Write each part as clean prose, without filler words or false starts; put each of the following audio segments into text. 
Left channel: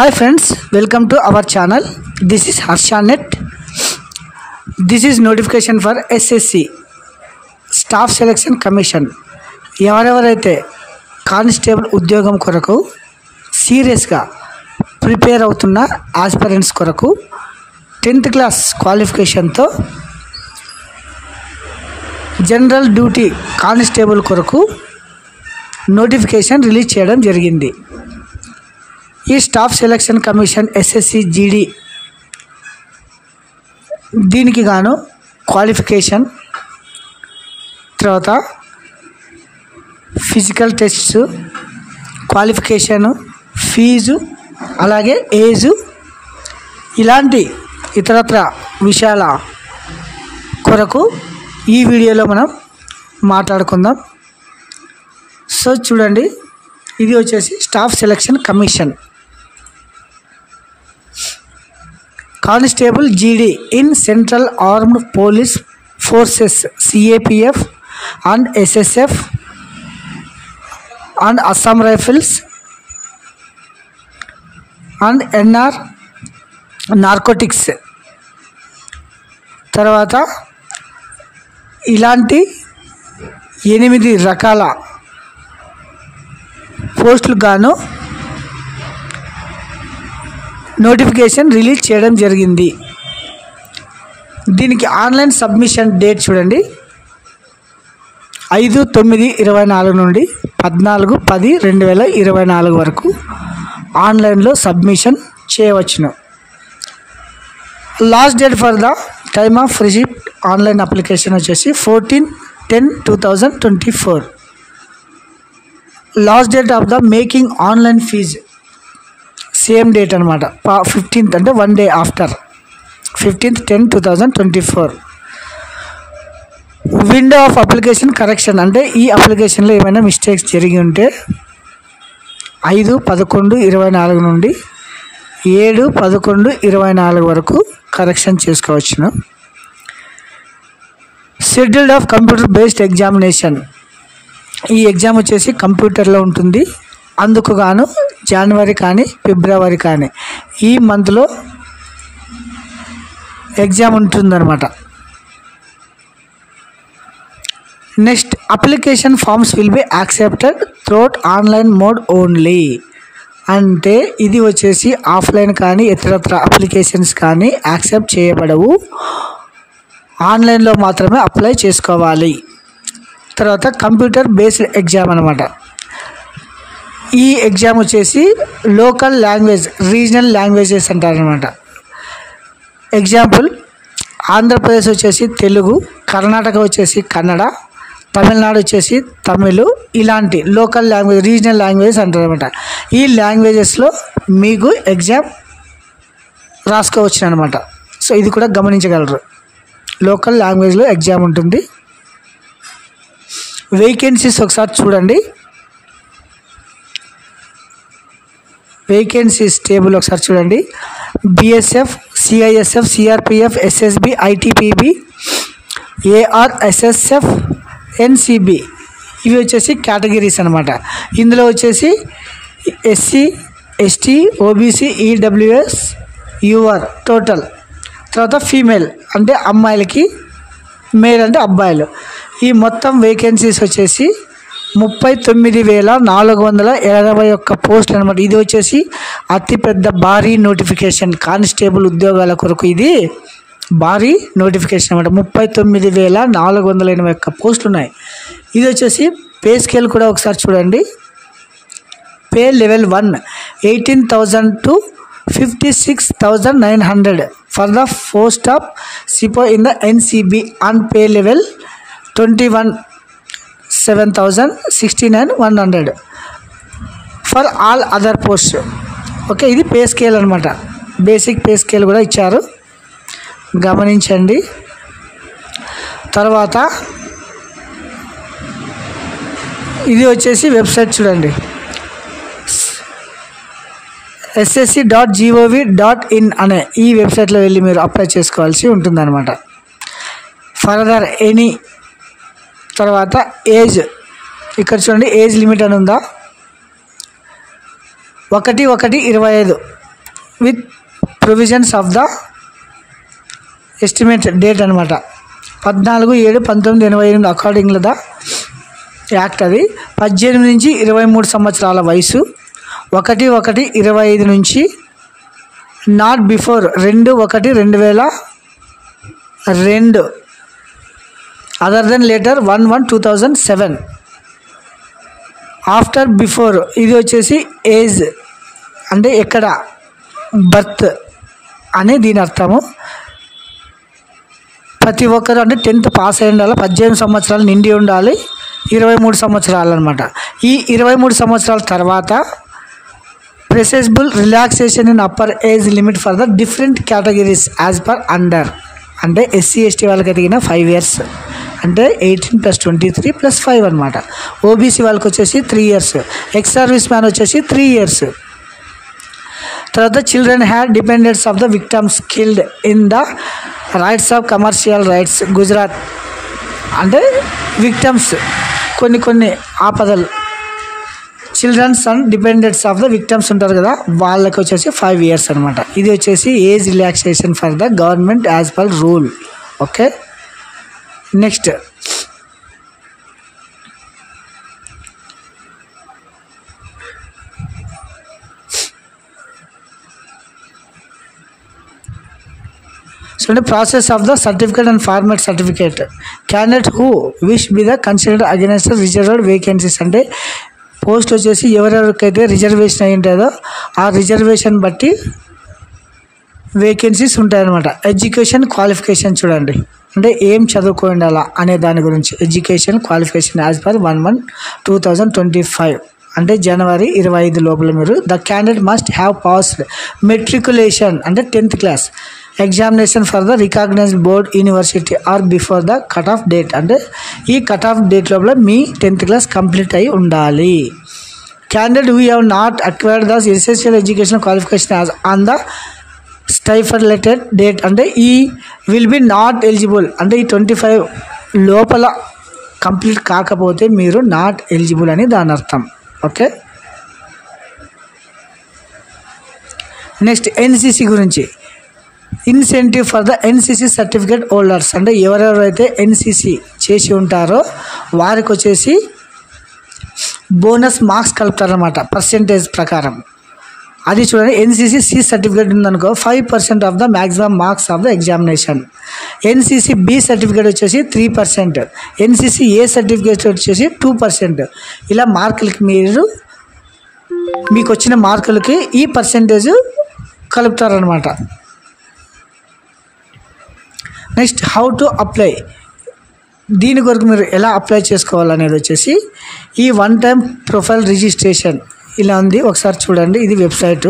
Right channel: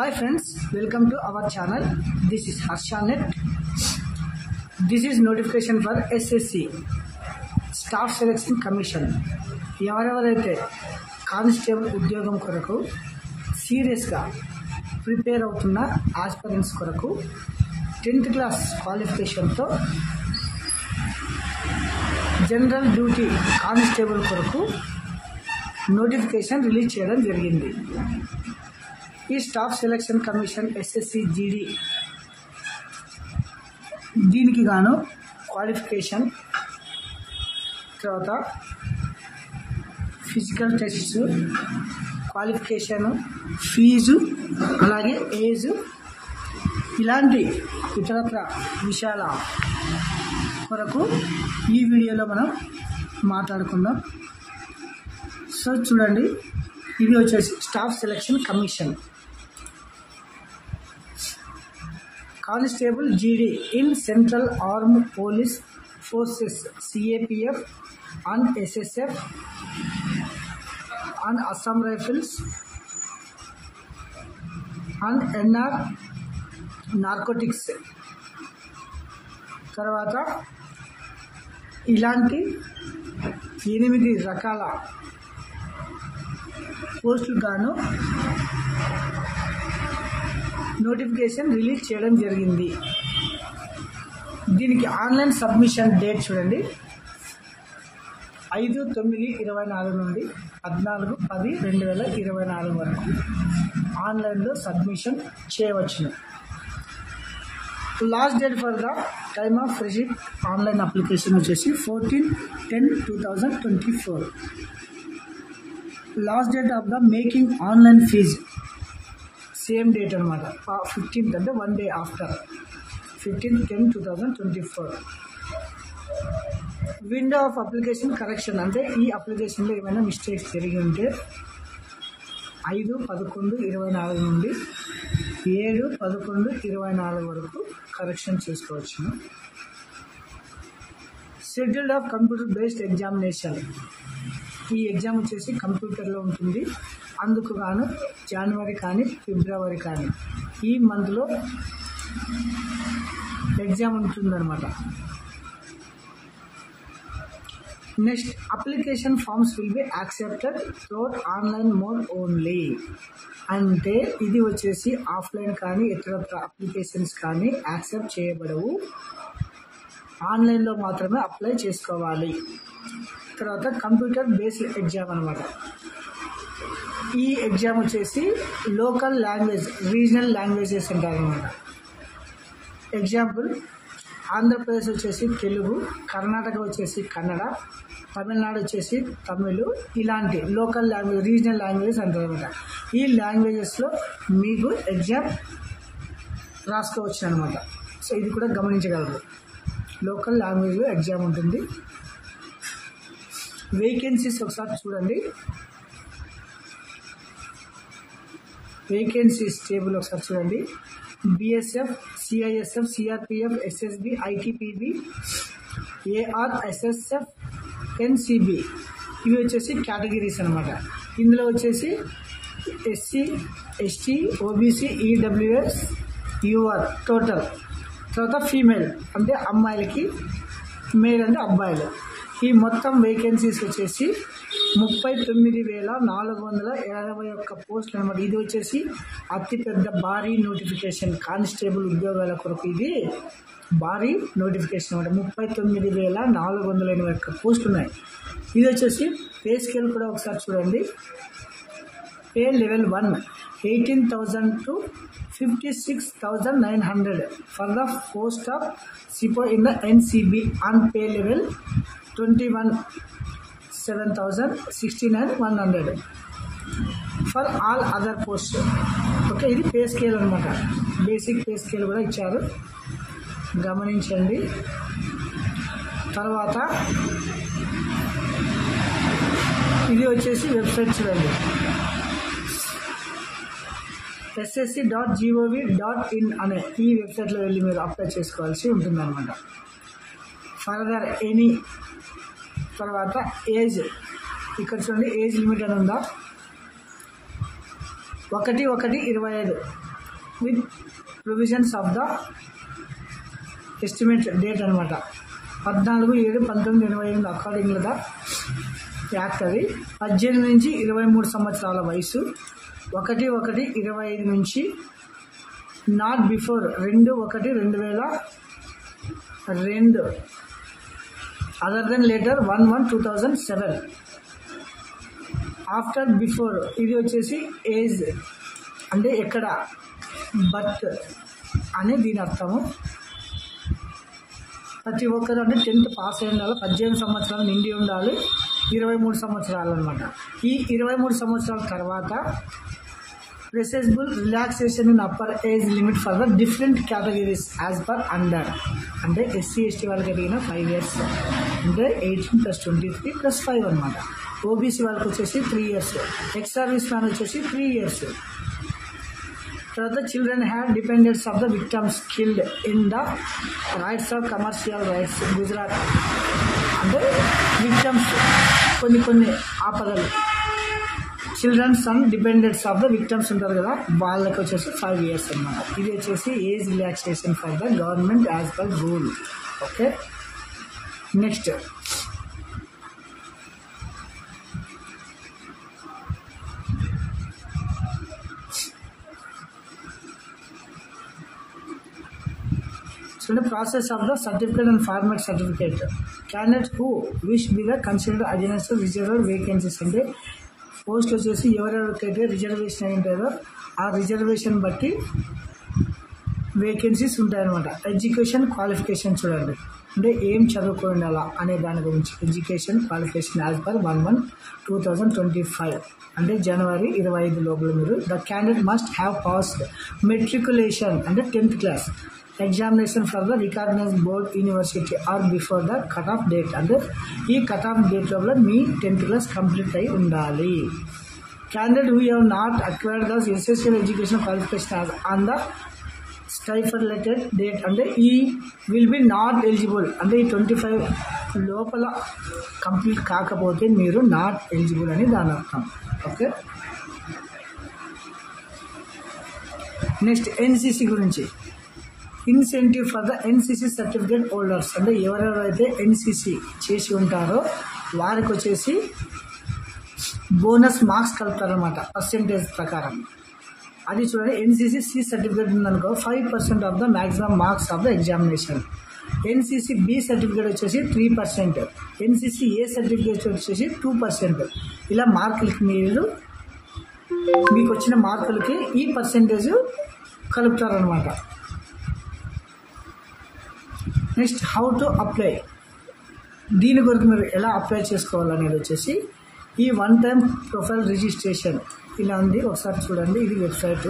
Hi friends, welcome to our channel. This is Harshanet. This is notification for SSC Staff Selection Commission. ఎవరెవరైతే constable ఉద్యోగం కొరకు సీరియస్గా prepare అవుతున్న aspirants కొరకు 10th class క్వాలిఫికేషన్తో general duty constable కొరకు notification release చేయడం జరిగింది. ఈ staff selection commission SSC GD దీనికి గాను క్వాలిఫికేషన్, తర్వాత ఫిజికల్ టెస్ట్స్, క్వాలిఫికేషను, ఫీజు, అలాగే ఏజు, ఇలాంటి ఇతరత్ర విషయాల కొరకు ఈ వీడియోలో మనం మాట్లాడుకుందాం. సో చూడండి, ఇది వచ్చేసి స్టాఫ్ సెలక్షన్ కమిషన్ కానిస్టేబుల్ జీడీ in central armed police forces CAPF and SSF and Assam rifles and NR narcotics. తర్వాత ఇలాంటి 8 రకాల పోస్టులు గాను నోటిఫికేషన్ రిలీజ్ చేయడం జరిగింది. దీనికి ఆన్లైన్ సబ్మిషన్ డేట్ చూడండి, 5/9/24 నుండి 14/10/2024 వరకు ఆన్లైన్లో సబ్మిషన్ చేయవచ్చును. Last date for the time of receipt online application వచ్చేసి 14/10/2024. Last date of the making online fee same date అనమాట, 15th, అంటే 1 day after 15/10/2024. Window of application correction, అంటే ఈ అప్లికేషన్లో ఏమైనా మిస్టేక్స్ జరిగి ఉంటే 5/11/24 నుండి 7/11/24 వరకు కరెక్షన్ చేసుకోవచ్చును. Scheduled of computer based examination, ఈ ఎగ్జామ్ వచ్చేసి కంప్యూటర్లో ఉంటుంది. అందుకు గాను జనవరి కానీ ఫిబ్రవరి కానీ ఈ మంత్లో ఎగ్జామ్ ఉంటుందన్నమాట. Next, application forms will be accepted throughout online mode only, అంటే ఇది వచ్చేసి ఆఫ్లైన్ కానీ ఇతరత్ర అప్లికేషన్స్ కానీ యాక్సెప్ట్ చేయబడవు, ఆన్లైన్లో మాత్రమే అప్లై చేసుకోవాలి. తర్వాత కంప్యూటర్ బేస్డ్ ఎగ్జామ్ అనమాట. ఈ ఎగ్జామ్ వచ్చేసి లోకల్ లాంగ్వేజ్, రీజనల్ లాంగ్వేజెస్ అంటారనమాట. ఎగ్జాంపుల్, ఆంధ్రప్రదేశ్ వచ్చేసి తెలుగు, కర్ణాటక వచ్చేసి కన్నడ, తమిళనాడు వచ్చేసి తమిళ్, ఇలాంటి లోకల్ లాంగ్వేజ్, రీజనల్ లాంగ్వేజ్ అంటారనమాట. ఈ లాంగ్వేజెస్లో మీకు ఎగ్జామ్ రాసుకోవచ్చు అనమాట. సో ఇది కూడా గమనించగలరు, లోకల్ లాంగ్వేజ్లో ఎగ్జామ్ ఉంటుంది. వేకెన్సీస్ ఒకసారి చూడండి, వేకెన్సీస్ టేబుల్ ఒకసారి చూడండి. BSF, CISF, CRPF, SSB, ITPB, AR, SSF, NCB, ఇవి వచ్చేసి కేటగిరీస్ అనమాట. ఇందులో వచ్చేసి SC, ST, OBC, EWS, UR total. తర్వాత ఫీమేల్ అంటే అమ్మాయిలకి, మేల్ అంటే అబ్బాయిలు. ఈ మొత్తం వేకెన్సీస్ వచ్చేసి 39,481 పోస్టులు అనమాట. ఇది వచ్చేసి అతిపెద్ద భారీ నోటిఫికేషన్, కానిస్టేబుల్ ఉద్యోగాల కొరకు ఇది భారీ నోటిఫికేషన్ అనమాట. 39,481 పోస్టులు ఉన్నాయి. ఇది వచ్చేసి పే స్కేల్ కూడా ఒకసారి చూడండి. Pay level 1 18,000 to 56,900 for the post of sepoy in the NCB, and pay level 21 7,069,100 for all other post. Okay, ఇది పే స్కేల్ అనమాట. బేసిక్ పే స్కేల్ కూడా ఇచ్చారు, గమనించండి. తర్వాత ఇది వచ్చేసి వెబ్సైట్ చూడండి, ssc.gov.in అనే ఈ వెబ్సైట్లో వెళ్ళి మీరు అప్లై చేసుకోవాల్సి ఉంటుందన్నమాట. ఫర్దర్ ఎనీ, తర్వాత ఏజ్, ఇక్కడ చూడండి ఏజ్ లిమిట్ అని ఉందా, 1/1/25 with provisions of the estimate date అనమాట. 14/7/1988 అకార్డింగ్ ద యాక్ట్. అది 18 నుంచి 23 సంవత్సరాల వయసు, 1/1/25 నుంచి, not before 2/1/2002 other than later 1/1/2007. After before ఇది వచ్చేసి ఏజ్ అంటే ఎక్కడ బర్త్ అని దీని అర్థము. ప్రతి ఒక్కరు అంటే 10th పాస్ అయి ఉండాలి, 18 సంవత్సరాలు నిండి ఉండాలి, 23 సంవత్సరాలు అనమాట. ఈ 23 సంవత్సరాల తర్వాత permissible relaxation in upper age limit for the different categories as per under. అంటే ఎస్సీ ఎస్టీ వాళ్ళకి ఎదిగిన 5 years అంటే 18 + 23 + 5 అనమాట. ఓబీసీ వాళ్ళకి వచ్చేసి 3 years, ఎక్స్ సర్వీస్ మ్యాన్ వచ్చేసి 3 years. తర్వాత children had dependents of the victims killed in the riots of commercial riots Gujarat. అంటే విక్టమ్స్ కొన్ని ఆపదలు, childrens and dependents of the victims ఉంటారు కదా, వాళ్ళకి వచ్చేసి 5 years అనమాట. ఇది వచ్చేసి age relaxation for the government as per rule. Okay, next process of the certificate and format certificate. Candidate who wish be the considered against reserved vacancies. అంటే post వచ్చేసి ఎవరెవరికైతే రిజర్వేషన్ అయి ఉంటుందో ఆ రిజర్వేషన్ బట్టి వేకెన్సీస్ ఉంటాయన్నమాట. ఎడ్యుకేషన్ క్వాలిఫికేషన్ చూడండి, అంటే ఏం చదువుకోండి ఉండాలా అనే దాని గురించి. ఎడ్యుకేషన్ క్వాలిఫికేషన్ యాజ్ పర్ 1/1/2025 అంటే జనవరి 25 లోపల మీరు the candidate must have passed matriculation అంటే 10th class examination for the recognized board university or before the cut off date. అంటే ఈ కట్ ఆఫ్ డేట్ లోపల మీ 10th class కంప్లీట్ అయి ఉండాలి. Candidate we have not acquired the essential education qualification as on the stipulated date. అంటే ఈ will be not eligible. అంటే ఈ 25 లోపల కంప్లీట్ కాకపోతే మీరు నాట్ ఎలిజిబుల్ అని దాని అర్థం. ఓకే, నెక్స్ట్ ఎన్సిసి గురించి. Incentive for the NCC certificate holders. అంటే ఎవరెవరైతే ఎన్సిసి చేసి ఉంటారో వారికి వచ్చేసి బోనస్ మార్క్స్ కలుపుతారన్నమాట పర్సెంటేజ్ ప్రకారం. అది చూడండి, ఎన్సిసి సి సర్టిఫికేట్ ఉందనుకో 5% of the maximum marks of the examination. NCC B certificate వచ్చేసి 3%, ఎన్సిసి ఏ సర్టిఫికేట్ వచ్చేసి 2%. ఇలా మార్కులకి మీకు వచ్చిన మార్కులకి ఈ పర్సెంటేజ్ కలుపుతారనమాట. Next how to apply. దీని కొరకు మీరు ఎలా అప్లై చేసుకోవాలనేది వచ్చేసి ఈ 1-time ప్రొఫైల్ రిజిస్ట్రేషన్ ఇలా ఉంది, ఒకసారి చూడండి. ఇది వెబ్సైట్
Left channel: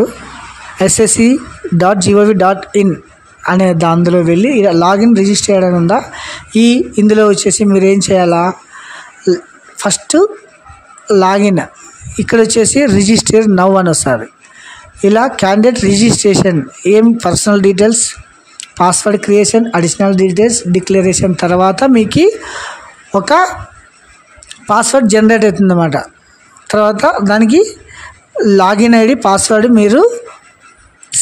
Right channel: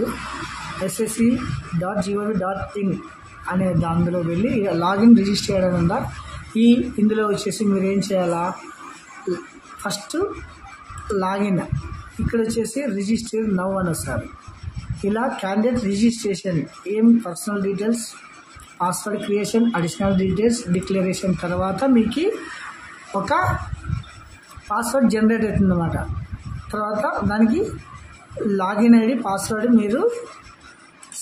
ssc.gov.in అనే దానిలో వెళ్ళి ఇలా లాగిన్ రిజిస్టర్ చేయడం ఉందా. ఇందులో వచ్చేసి మీరు ఏం చేయాలా, ఫస్ట్ లాగిన్, ఇక్కడ వచ్చేసి రిజిస్టర్ నౌ అని వస్తుంది. ఇలా క్యాండిడేట్ రిజిస్ట్రేషన్, ఏం personal details, password creation, additional details, declaration తర్వాత మీకు ఒక పాస్వర్డ్ జనరేట్ అవుతుందన్నమాట. తర్వాత దానికి లాగిన్ ఐడి పాస్వర్డ్ మీరు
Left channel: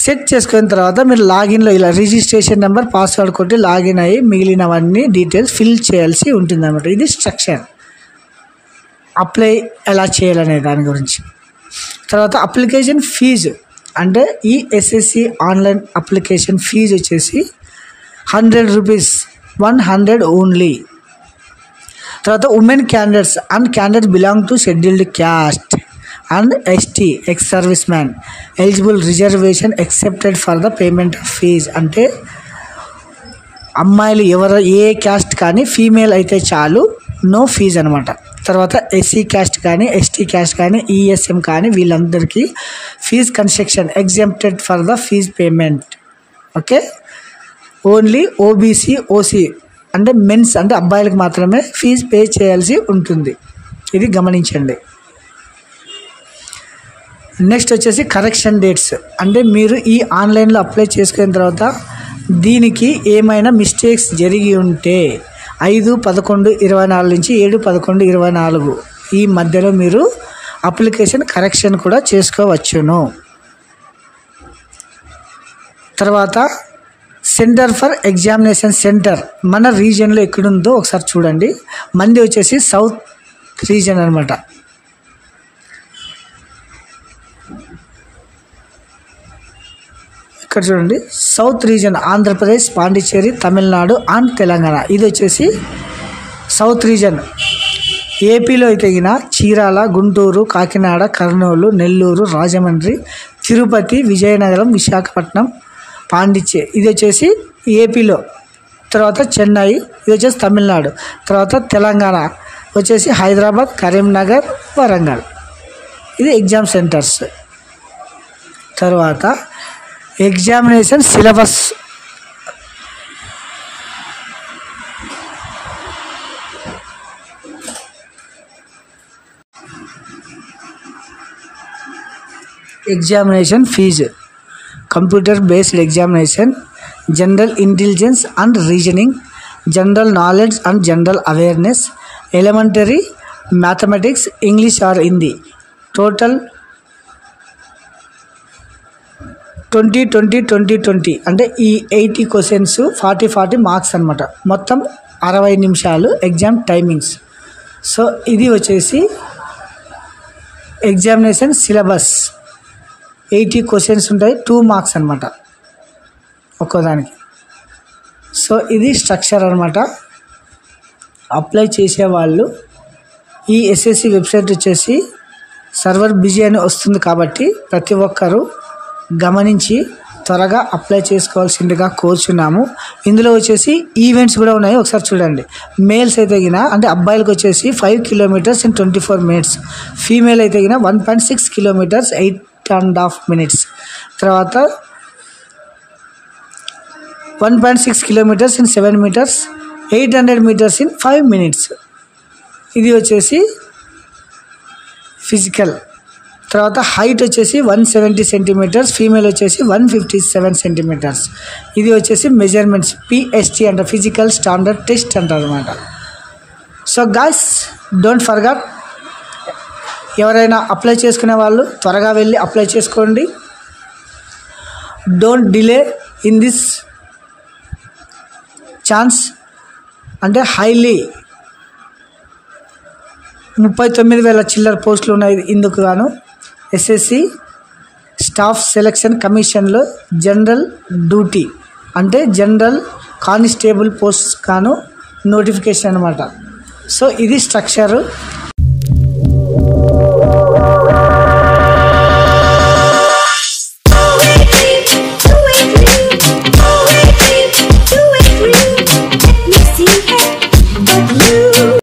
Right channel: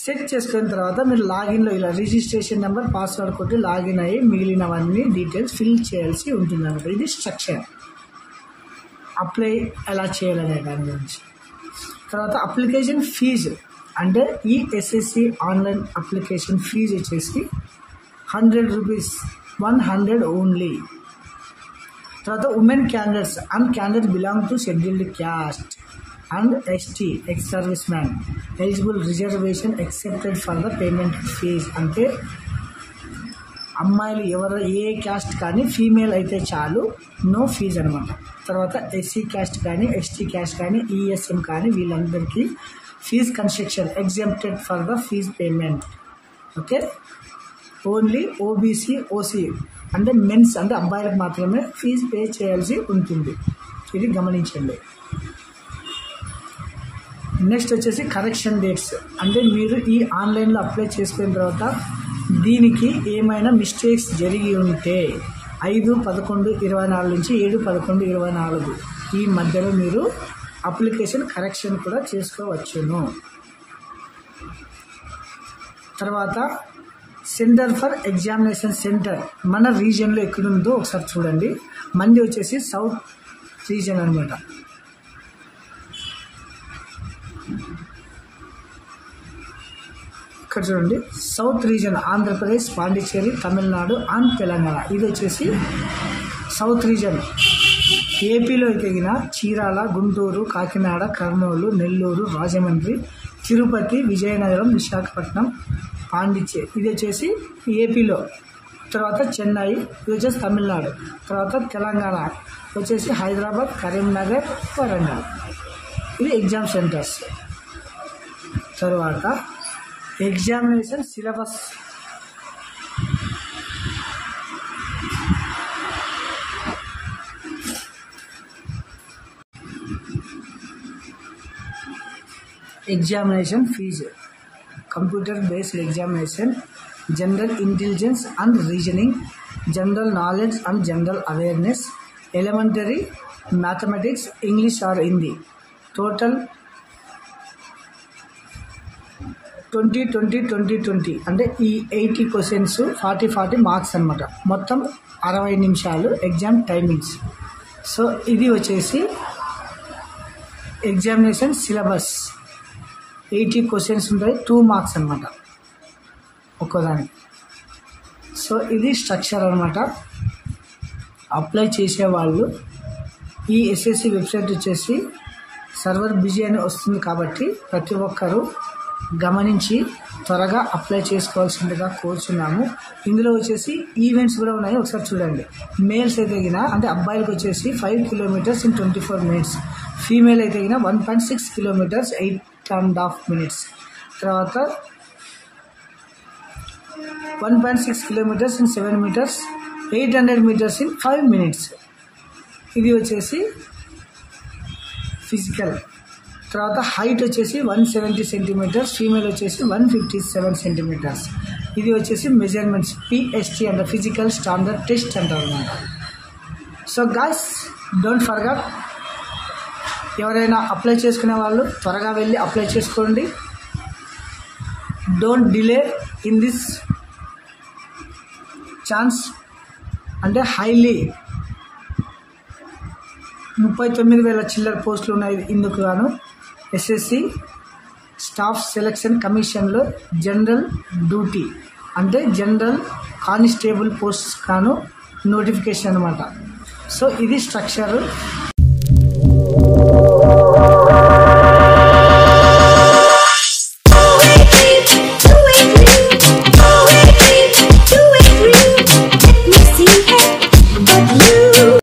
సెట్ చేసుకున్న తర్వాత మీరు లాగిన్లో ఇలా రిజిస్ట్రేషన్ నెంబర్ పాస్వర్డ్ కొట్టి లాగిన్ అయ్యి మిగిలినవన్నీ డీటెయిల్స్ ఫిల్ చేయాల్సి ఉంటుందన్నమాట. ఇది స్ట్రక్చర్. అప్లై ఎలా చేయాలనే దాని గురించి. తర్వాత అప్లికేషన్ ఫీజు. అంటే ఈ ఎస్ఎస్సి ఆన్లైన్ అప్లికేషన్ ఫీజు వచ్చేసి 100 రూపీస్, 100 ఓన్లీ. తర్వాత women candidates and candidates belong to scheduled caste and ST ex service man eligible reservation excepted for the payment of fee. అంటే అమ్మాయిలు ఏ క్యాస్ట్ కానీ ఫీమేల్ అయితే చాలు, no fee అనమాట. తర్వాత SC caste కానీ ఎస్టీ క్యాస్ట్ కానీ ఈఎస్ఎం కానీ వీళ్ళందరికీ fee concession exempted for the fee payment. Okay, only OBC OC అంటే మెన్స్ అంటే అబ్బాయిలకు మాత్రమే ఫీజు పే చేయాల్సి ఉంటుంది. ఇది గమనించండి. నెక్స్ట్ వచ్చేసి కరెక్షన్ డేట్స్. అంటే మీరు ఈ ఆన్లైన్లో అప్లై చేసుకున్న తర్వాత దీనికి ఏమైనా మిస్టేక్స్ జరిగి ఉంటే 5/11/24 నుంచి 7/11/24 ఈ మధ్యలో మీరు అప్లికేషన్ కరెక్షన్ కూడా చేసుకోవచ్చును. తర్వాత సెంటర్ ఫర్ ఎగ్జామినేషన్ సెంటర్ మన రీజియన్లో ఎక్కడుందో ఒకసారి చూడండి. మంది వచ్చేసి సౌత్ రీజియన్ అనమాట. ఇక్కడ చూడండి, south region Andhra Pradesh, Pondicherry, Tamil Nadu and Telangana. ఇది వచ్చేసి సౌత్ రీజియన్. ఏపీలో అయితే చీరాల, గుంటూరు, కాకినాడ, కర్నూలు, నెల్లూరు, రాజమండ్రి, తిరుపతి, విజయనగరం, విశాఖపట్నం, పాండిచ్చేరి ఇది వచ్చేసి ఏపీలో. తర్వాత చెన్నై ఇది వచ్చేసి తమిళనాడు. తర్వాత తెలంగాణ వచ్చేసి హైదరాబాద్, కరీంనగర్, వరంగల్. ఇది ఎగ్జామ్ సెంటర్స్. తర్వాత examination syllabus. Examination fee. Computer based examination, general intelligence and reasoning, general knowledge and general awareness, elementary mathematics, English or Hindi. Total 20 అంటే ఈ 80 క్వశ్చన్స్ 40 మార్క్స్ అనమాట. మొత్తం 60 నిమిషాలు ఎగ్జామ్ టైమింగ్స్. సో ఇది వచ్చేసి ఎగ్జామినేషన్ సిలబస్. 80 క్వశ్చన్స్ ఉంటాయి, 2 marks అనమాట ఒక్కోదానికి. సో ఇది స్ట్రక్చర్ అనమాట. అప్లై చేసేవాళ్ళు ఈ ఎస్ఎస్సి వెబ్సైట్ వచ్చేసి సర్వర్ బిజీ అని వస్తుంది కాబట్టి ప్రతి ఒక్కరూ గమనించి త్వరగా అప్లై చేసుకోవాల్సిందిగా కోరుచున్నాము. ఇందులో వచ్చేసి ఈవెంట్స్ కూడా ఉన్నాయి, ఒకసారి చూడండి. మేల్స్ అయితే అంటే అబ్బాయిలకు వచ్చేసి 5 కిలోమీటర్స్ ఇన్ 24 minutes, ఫీమేల్ అయితే 1.6 కిలోమీటర్స్ 8.5 minutes. తర్వాత 1.6 kilometres in 7 meters, 800 meters in 5 minutes. ఇది వచ్చేసి ఫిజికల్. తర్వాత హైట్ వచ్చేసి 170 సెంటీమీటర్స్, ఫీమేల్ వచ్చేసి 157 సెంటీమీటర్స్. ఇది వచ్చేసి మెజర్మెంట్స్, పిఎస్టీ అంటారు, ఫిజికల్ స్టాండర్డ్ టెస్ట్ అంటారు అనమాట. సో గాయ్స్, డోంట్ ఫర్గట్, ఎవరైనా అప్లై చేసుకునే వాళ్ళు త్వరగా వెళ్ళి అప్లై చేసుకోండి. Don't delay in this chance. అంటే హైలీ 39,000 చిల్లర పోస్టులు ఉన్నాయి. ఇందుకు గాను ఎస్ఎస్సి స్టాఫ్ సెలక్షన్ కమిషన్లో జనరల్ డ్యూటీ అంటే జనరల్ కానిస్టేబుల్ పోస్ట్ గాను నోటిఫికేషన్ అనమాట. సో ఇది స్ట్రక్చరు.